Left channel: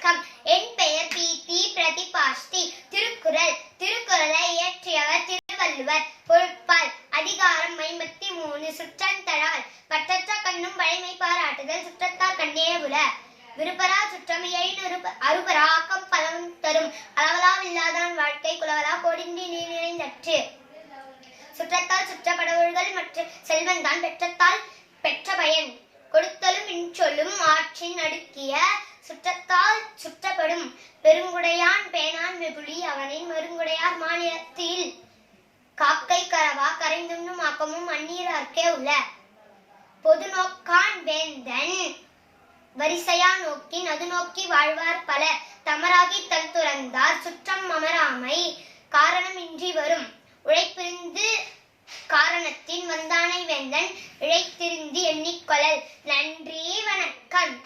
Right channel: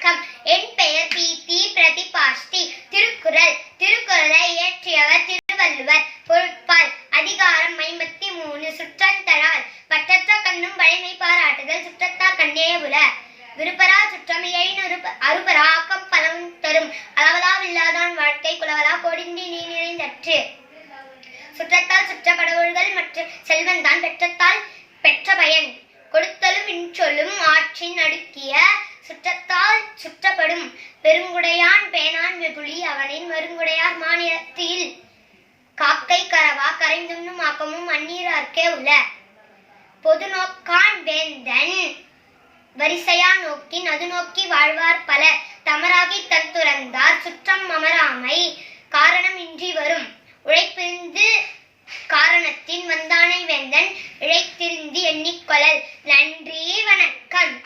வணக்கம். என் பெயர் B. D Thirukkural. திருக்குறளை இயற்றியவர் திருவள்ளுவர். பொருட்பால். அதிகாரம் ஐம்பத்தி மூணு. சுற்றந்தரால் பற்றற்ற கண்ணும் வலிமை பாராட்டுதல் சுற்றத்தார் கண்டே உல விருப்பரா சுற்றம் எழினு அருபரா ஆக்கம் பலவும் தரும். அளவலா வாழ்க்கை குலவலா கொடிந்தி நீ நிறைந்தற்று. சுற்றத்தால் சுற்றப்படவர்கள் மற்றும் செல்வன் தான் பெற்றத்தால் பெற்ற பயன் கொடுத்தலும் சொல்லும் ஆற்றின் அடுக்கிய சுற்றத்தால் சுற்றப்படும். பெருங்குடையான் பேனான் வெகுளி அவனின் மருங்குடையார் மாநிலத்தில் காக்கை கரவா கரைந்துண்ணும் ஆக்கமும் அந்நீரார்க்கே உள்ள. பொது நோக்கான் வேந்தன் வரிசையா நோக்கின் அது நோக்கி வாழ்வார் பல. தமராகி தன் துறந்தார் சுற்றம் அமராமை காரணம் இன்றி வரும். உழைப்பிருந்து காரணத்தின் வந்தானை வேந்தன் இழைத்திருந்து கொள்ளல். நன்றி வணக்கம்.